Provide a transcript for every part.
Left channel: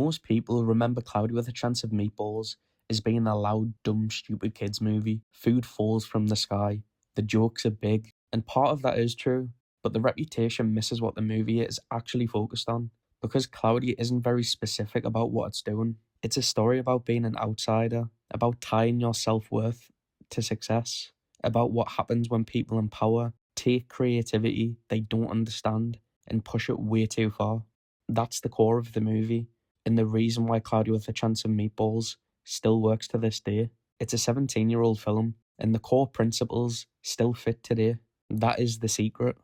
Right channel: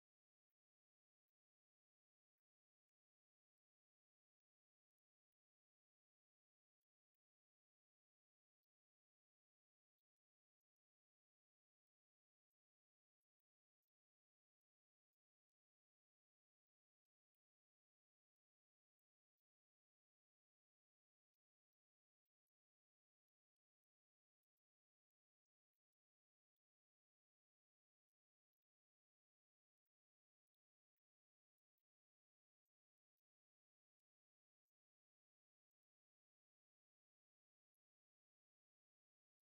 Most people remember Cloudy with a Chance of Meatballs as being a loud, dumb, stupid kids movie. Food falls from the sky, the jokes are big, and part of that is true, but the reputation misses what the movie is actually focused on, because Cloudy isn't very specific about what it's doing. It's a story about being an outsider, about tying your self-worth to success, about what happens when people in power take creativity they don't understand and push it way too far. That's the core of the movie, and the reason why Cloudy with a Chance of Meatballs still works to this day. It's a 17-year-old film, and the core principles still fit today. That is the secret.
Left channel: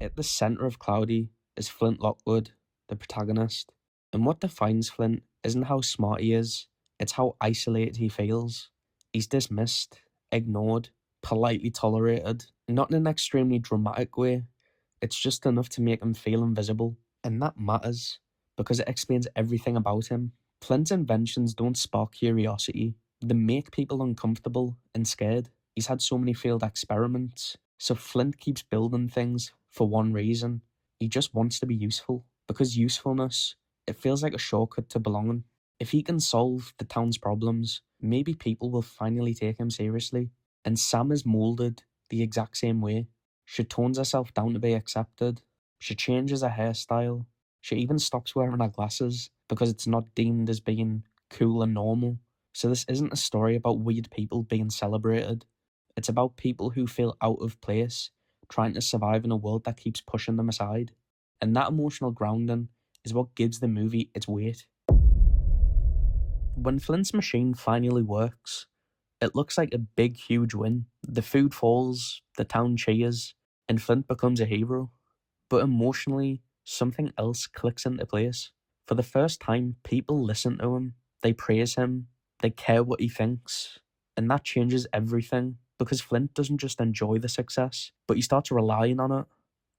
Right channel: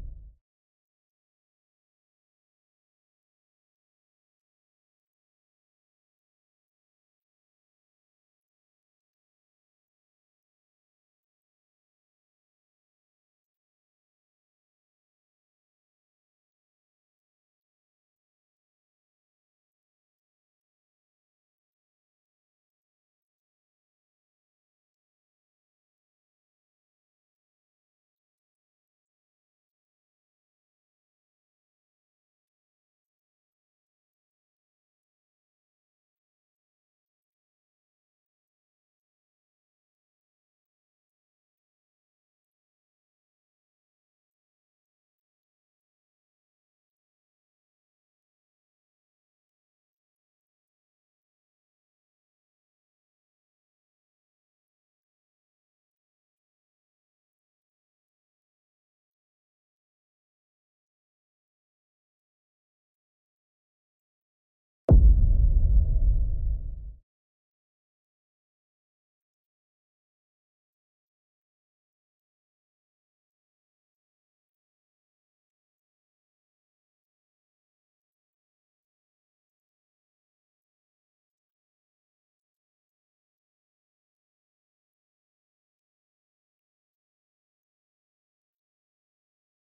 At the centre of Cloudy is Flint Lockwood, the protagonist. And what defines Flint isn't how smart he is, it's how isolated he feels. He's dismissed, ignored, politely tolerated, not in an extremely dramatic way. It's just enough to make him feel invisible. And that matters, because it explains everything about him. Flint's inventions don't spark curiosity, they make people uncomfortable and scared. He's had so many failed experiments, so Flint keeps building things for one reason. He just wants to be useful, because usefulness, it feels like a shortcut to belonging. If he can solve the town's problems, maybe people will finally take him seriously. And Sam is moulded the exact same way. She tones herself down to be accepted. She changes her hairstyle. She even stops wearing her glasses because it's not deemed as being cool and normal. So this isn't a story about weird people being celebrated. It's about people who feel out of place, trying to survive in a world that keeps pushing them aside. And that emotional grounding is what gives the movie its weight. When Flint's machine finally works, it looks like a big, huge win. The food falls, the town cheers, and Flint becomes a hero. But emotionally, something else clicks into place. For the first time, people listen to him, they praise him, they care what he thinks, and that changes everything, because Flint doesn't just enjoy the success, but he starts relying on it.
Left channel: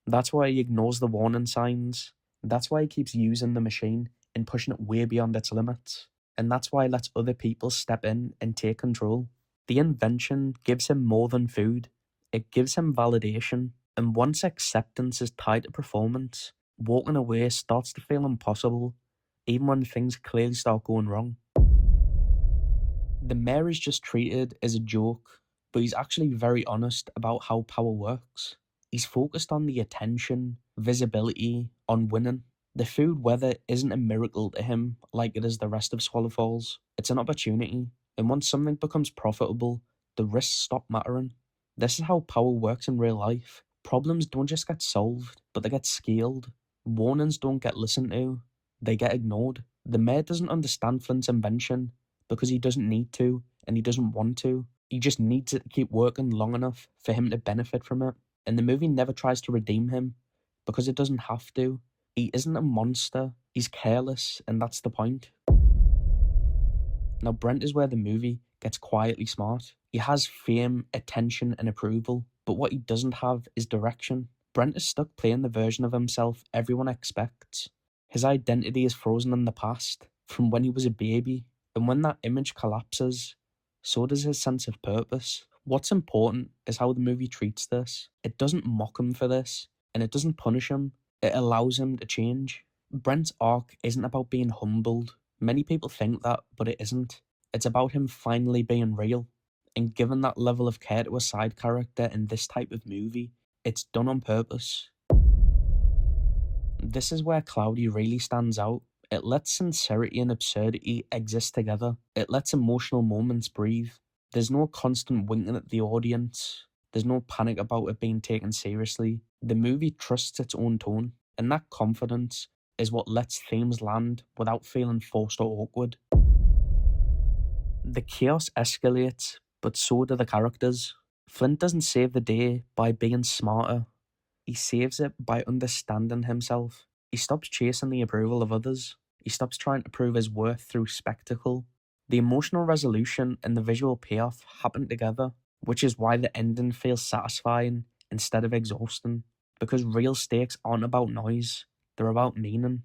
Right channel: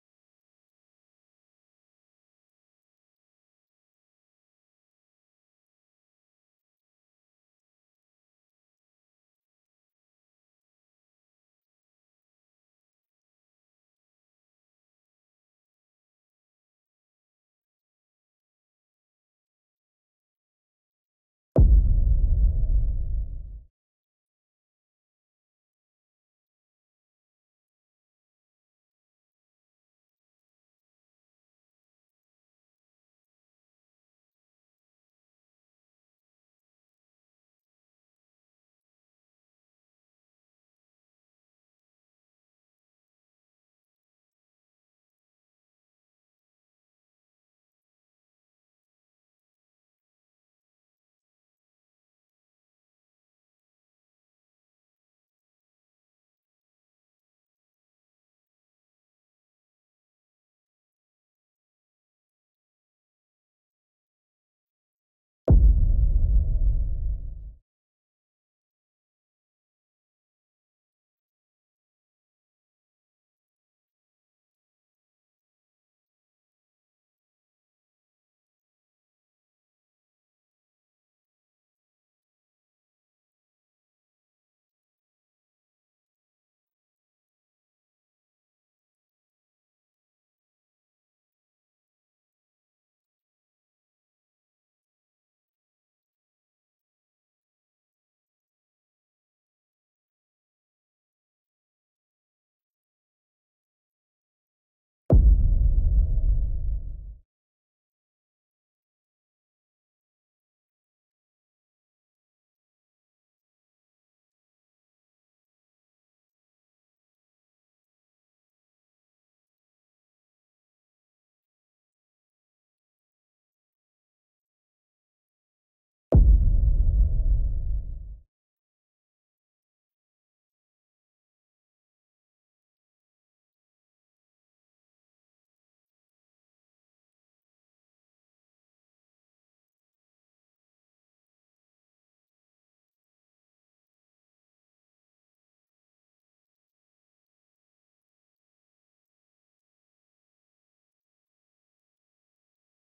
That's why he ignores the warning signs. That's why he keeps using the machine and pushing it way beyond its limits. And that's why he lets other people step in and take control. The invention gives him more than food. It gives him validation. And once acceptance is tied to performance, walking away starts to feel impossible, even when things clearly start going wrong. The mayor is just treated as a joke, but he's actually very honest about how power works. He's focused on the attention, visibility, on winning. The food weather isn't a miracle to him like it is the rest of Swallow Falls. It's an opportunity, and once something becomes profitable, the risks stop mattering. This is how power works in real life. Problems don't just get solved, but they get scaled. Warnings don't get listened to, they get ignored. The mayor doesn't understand Flint's invention because he doesn't need to, and he doesn't want to. He just needs it to keep working long enough for him to benefit from it. And the movie never tries to redeem him, because it doesn't have to. He isn't a monster, he's careless, and that's the point. Now Brent is where the movie gets quietly smart. He has fame, attention, and approval, but what he doesn't have is direction. Brent is stuck playing the version of himself everyone expects. His identity is frozen in the past, from when he was a baby, and when that image collapses, so does his sense of purpose. What's important is how the movie treats this. It doesn't mock him for this, and it doesn't punish him. It allows him to change. Brent's arc isn't about being humbled. Many people think that, but it isn't. It's about him finally being real. And given that level of care to a side character in this type of movie, it's done on purpose. This is where Cloudy really stands out. It lets sincerity and absurdity exist together. It lets emotional moments breathe. There's no constant winking at the audience. There's no panic about it being taken seriously. The movie trusts its own tone, and that confidence is what lets themes land without feeling forced or awkward. The chaos escalates, but so do the characters. Flint doesn't save the day by being smarter. He saves it by understanding himself. He stops chasing the approval of others. He stops trying to prove his worth through spectacle. The emotional resolution and the visual payoff happen together, which is why the ending feels satisfying instead of exhausting. Because real stakes aren't about noise, they're about meaning.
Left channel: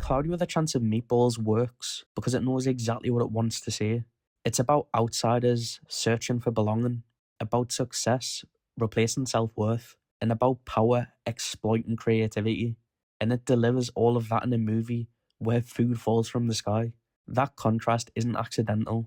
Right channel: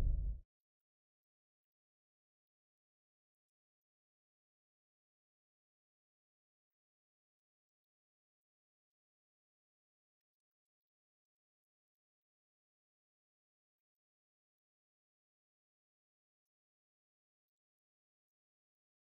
Cloudy with a Chance of Meatballs works because it knows exactly what it wants to say. It's about outsiders searching for belonging, about success replacing self-worth, and about power exploiting creativity. and it delivers all of that in a movie where food falls from the sky. That contrast isn't accidental.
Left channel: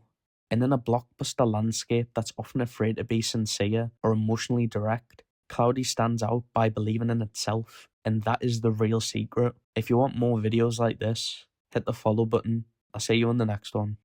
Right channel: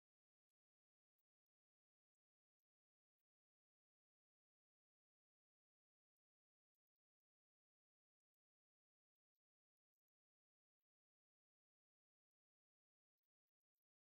And in a blockbuster landscape that's often afraid to be sincere or emotionally direct, Cloudy stands out by believing in itself, and that is the real secret. If you want more videos like this, hit the follow button. I'll see you on the next one.